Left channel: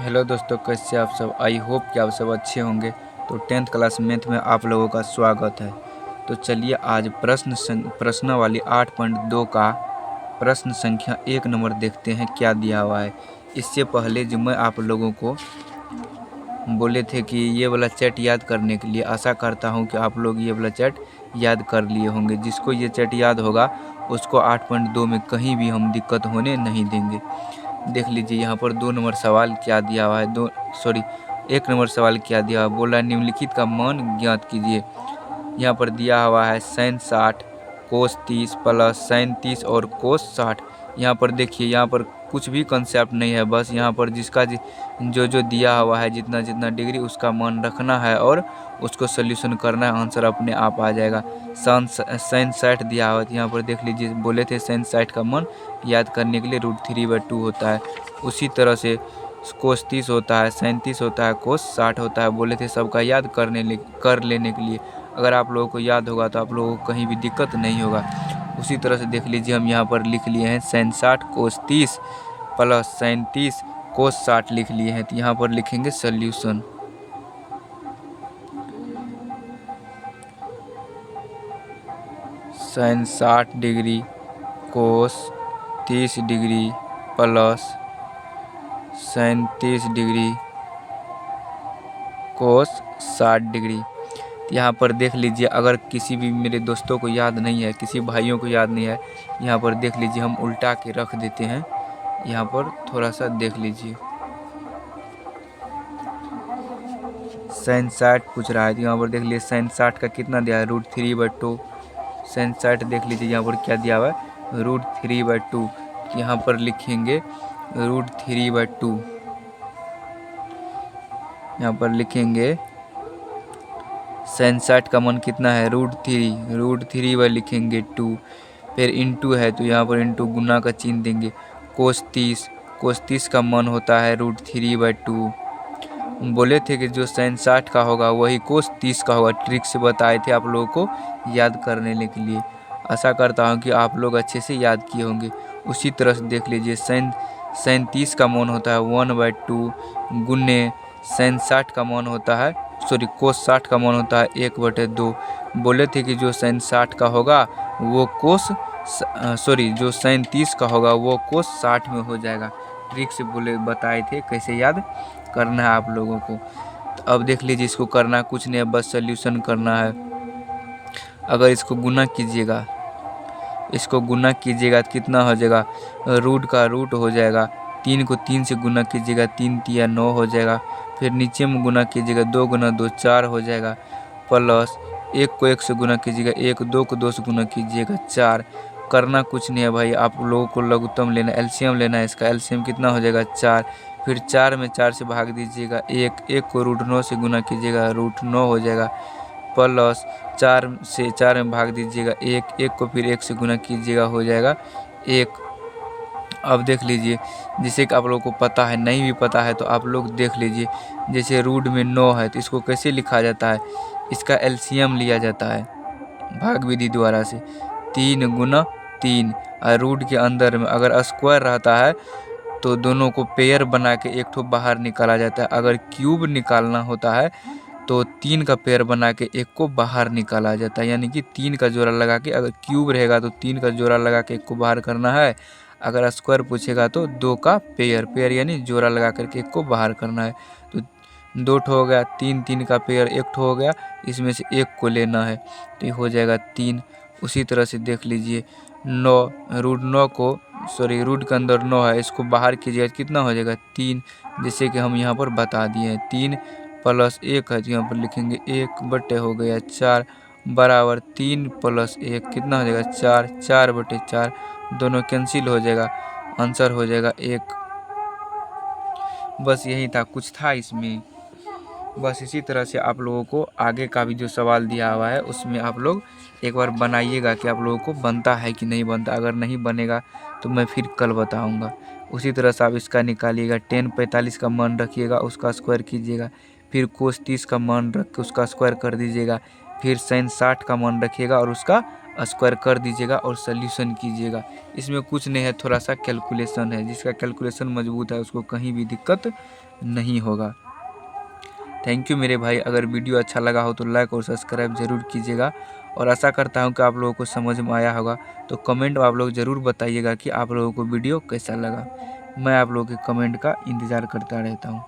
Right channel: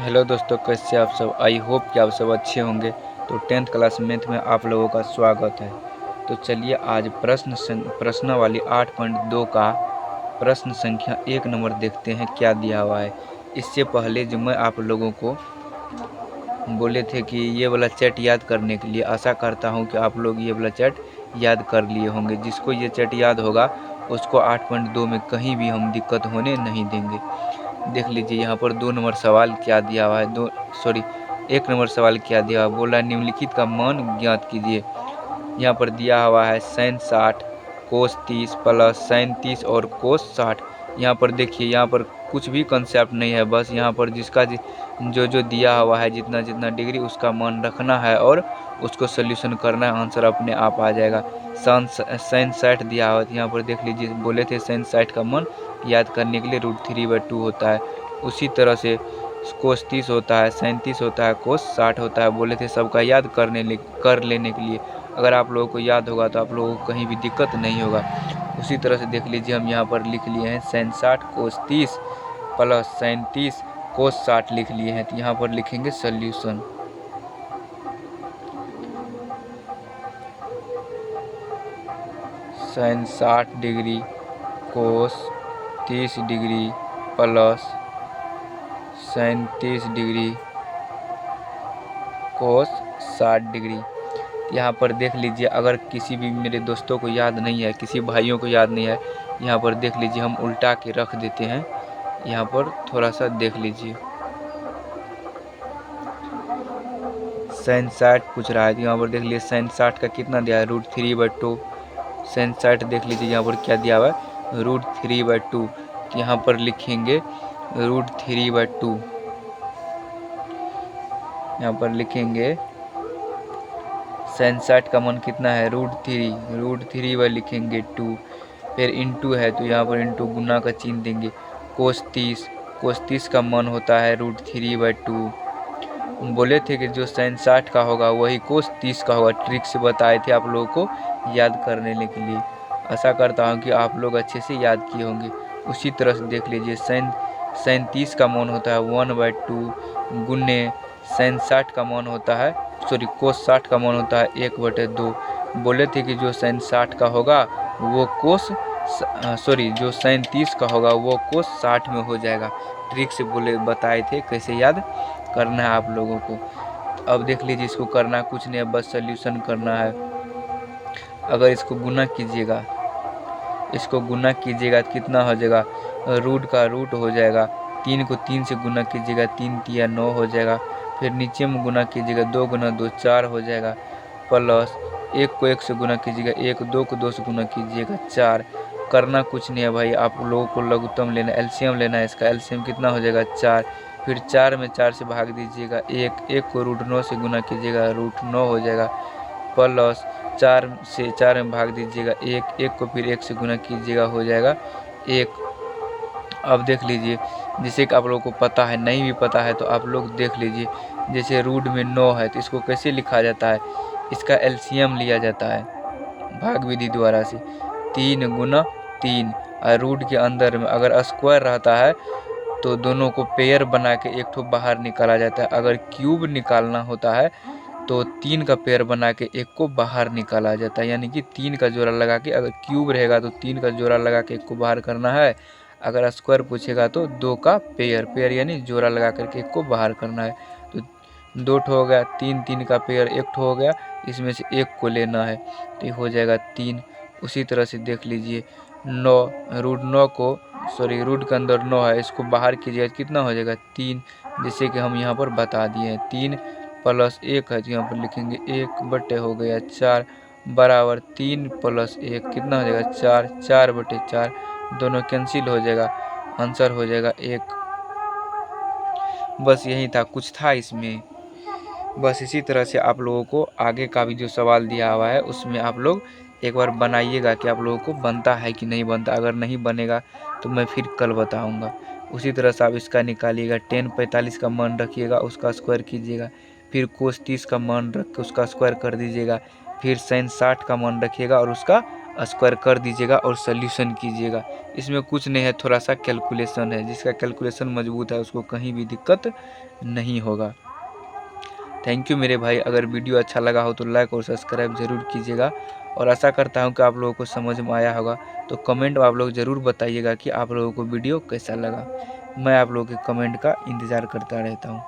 Hello दोस्तों, कैसे आप सब। आई होप कि आप सब अच्छे होंगे। तो 10th क्लास मैथ में आप लोगों का स्वागत है। तो चलिए आज प्रश्न वाली 8.2 का प्रश्न संख्या 1 नंबर देखते हैं क्या दिया हुआ है। इससे पहले जो मैं आप लोगों को बोले थे कि ये वाला चैट याद करने के लिए, आशा करता हूँ कि आप लोग ये वाला चैट याद कर लिए होंगे। जिसको ये चैट याद होगा उसको 8.2 में कहीं भी हम दिक्कत होने नहीं देंगे। देख लीजिए यहाँ पर 2 नंबर सवाल क्या दिया हुआ है, 1 नंबर सवाल क्या दिया हुआ, बोला निम्नलिखित का मान ज्ञात कीजिए। यहाँ पर दिया हुआ है sin 60 कोस 30 प्लस sin 30 और कोस 60। यहाँ पर देखिए, यहाँ पर कुछ भी कंसेप्ट नहीं है, बस यहाँ पर जिसका जो दिया हुआ है जितना जितना डिग्री उसका मान रखना है और उसको सोल्यूशन करना है, आंसर अपने आप आ जाएगा। sin 60 दिया हुआ है, यहाँ पर देख लीजिए, बोले थे sin 60 का मान याद करने के लिए √3/2 होता है। उसी तरह से कोस 30 होता है, sin 30 होता है, कोस 60 होता है। बोले थे सबका याद कर लेने के लिए। अगर आप लोगों को याद होगा तो आप लोगों को कहीं भी दिक्कत नहीं होगा। उसी तरह से देख लीजिए, हम यहाँ पर लिख लिए हैं sin 60 कोस 30 प्लस sin 30 कोस 60 लिख लिए हैं। तो यहाँ पर लिखेंगे सोल्यूशन। sin 60 डिग्री कोस 30 डिग्री प्लस sin 30 डिग्री कोस 60 डिग्री। यहाँ पर देख लीजिए, अगर किसी भी मेरे दोस्तों को याद नहीं है, किसी भाइयों को याद नहीं है, यहाँ पर देख लीजिए, हम उल्टा के रख देते हैं। यहाँ पर थोड़ा सा देख लीजिए, sin 60 पूछ रहा है तो यहाँ पर देख लीजिए sin 60 का कितना दिया है, √3/2। sin 60 देख लीजिए यहाँ पर क्या दिया हुआ है, √3/2। यहाँ पर लिखेंगे √3/2। यहाँ पर लिखेंगे sin 60 का मान कितना है, √3 व लिखेंगे 2, फिर इंटू है तो यहाँ पर इंटू गुना का चिन्ह देंगे। कोस 30 का मान होता है √3/2। बोले थे कि जो sin 60 का होगा वही कोस 30 का होगा, ट्रिक से बताए थे आप लोगों को याद करने के लिए। आशा करता हूँ कि आप लोग अच्छे से याद किए होंगे। उसी तरह से देख लीजिए, sin 30 का मान होता है 1/2 गुने sin 60 का मान होता है, कोस 60 का मान होता है 1/2। बोले थे कि जो sin 60 का होगा वो जो sin 30 का होगा वो कोस 60 में हो जाएगा। ट्रिक से बताए थे कैसे याद करना है आप लोगों को। तो अब देख लीजिए, इसको करना कुछ नहीं है, बस सोल्यूशन करना है। अगर इसको गुना कीजिएगा तो कितना हो जाएगा, रूट का रूट हो जाएगा। 3 को 3 से गुना कीजिएगा, 3 तिया 9 हो जाएगा। फिर नीचे में गुना कीजिएगा, 2 गुना 2 4 हो जाएगा। प्लस 1 को 1 से गुना कीजिएगा 1, 2 को 2 से गुना कीजिएगा 4। करना कुछ नहीं है भाई, आप लोगों को लघुत्तम लेना, एलसीएम लेना है। इसका एलसीएम कितना हो जाएगा, 4। फिर 4 में 4 से भाग दीजिएगा 1 को √9 से गुना कीजिएगा, √9 हो जाएगा। प्लस 4 से 4 में भाग दीजिएगा 1 को फिर 1 से गुना कीजिएगा, हो जाएगा 1। अब देख लीजिए, जिसे कि आप लोगों को पता है, नहीं भी पता है तो आप लोग देख लीजिए। जैसे रूट में 9 है तो इसको कैसे लिखा जाता है, इसका एलसीएम लिया जाता है भाग विधि द्वारा से, 3 गुना 3। और रूट के अंदर में अगर स्क्वायर रहता है तो दोनों को पेयर बना के एक ठो बाहर निकाला जाता है। अगर क्यूब निकालना होता है तो 3 का पेयर बना के एक को बाहर निकाला जाता है। यानी कि 3 का जोड़ा लगा के, अगर क्यूब रहेगा तो 3 का जोड़ा लगा के एक को बाहर करना है। अगर स्क्वायर पूछेगा तो 2 का पेयर यानी जोड़ा लगा करके एक को बाहर करना है। तो 2 ठो हो गया, 3 का पेयर 1 ठो हो गया, इसमें से 1 को लेना है तो ये हो जाएगा 3। उसी तरह से देख लीजिए, 9 रूट के अंदर 9 है, इसको बाहर कीजिएगा कितना हो जाएगा, 3। जैसे कि हम यहाँ पर बता दिए हैं, 3 प्लस 1 है तो यहाँ पर लिखेंगे 1 हो गया 4 बराबर 3 प्लस 1 कितना हो जाएगा, 4 दोनों कैंसिल हो जाएगा, आंसर हो जाएगा 1। बस यही था, कुछ था इसमें। बस इसी तरह से आप लोगों को आगे का भी जो सवाल दिया हुआ है उसमें आप लोग एक बार बनाइएगा कि आप लोगों को बनता है कि नहीं बनता। अगर नहीं बनेगा तो मैं फिर कल बताऊंगा। उसी तरह से आप इसका निकालिएगा, tan 45 का मान रखिएगा, उसका स्क्वायर कीजिएगा। फिर कोस 30 का मान रख के उसका स्क्वायर कर दीजिएगा। फिर sin 60 का मान रखिएगा और उसका स्क्वायर कर दीजिएगा और सॉल्यूशन कीजिएगा। इसमें कुछ नहीं है, थोड़ा सा कैलकुलेशन है। जिसका कैलकुलेशन मजबूत है उसको कहीं भी दिक्कत नहीं होगा। थैंक यू मेरे भाई। अगर वीडियो अच्छा लगा हो तो लाइक और सब्सक्राइब ज़रूर कीजिएगा, और आशा करता हूँ कि आप लोगों को समझ में आया होगा। तो कमेंट आप लोग ज़रूर बताइएगा कि आप लोगों को वीडियो कैसा लगा। मैं आप लोगों के कमेंट का इंतज़ार करता रहता हूँ।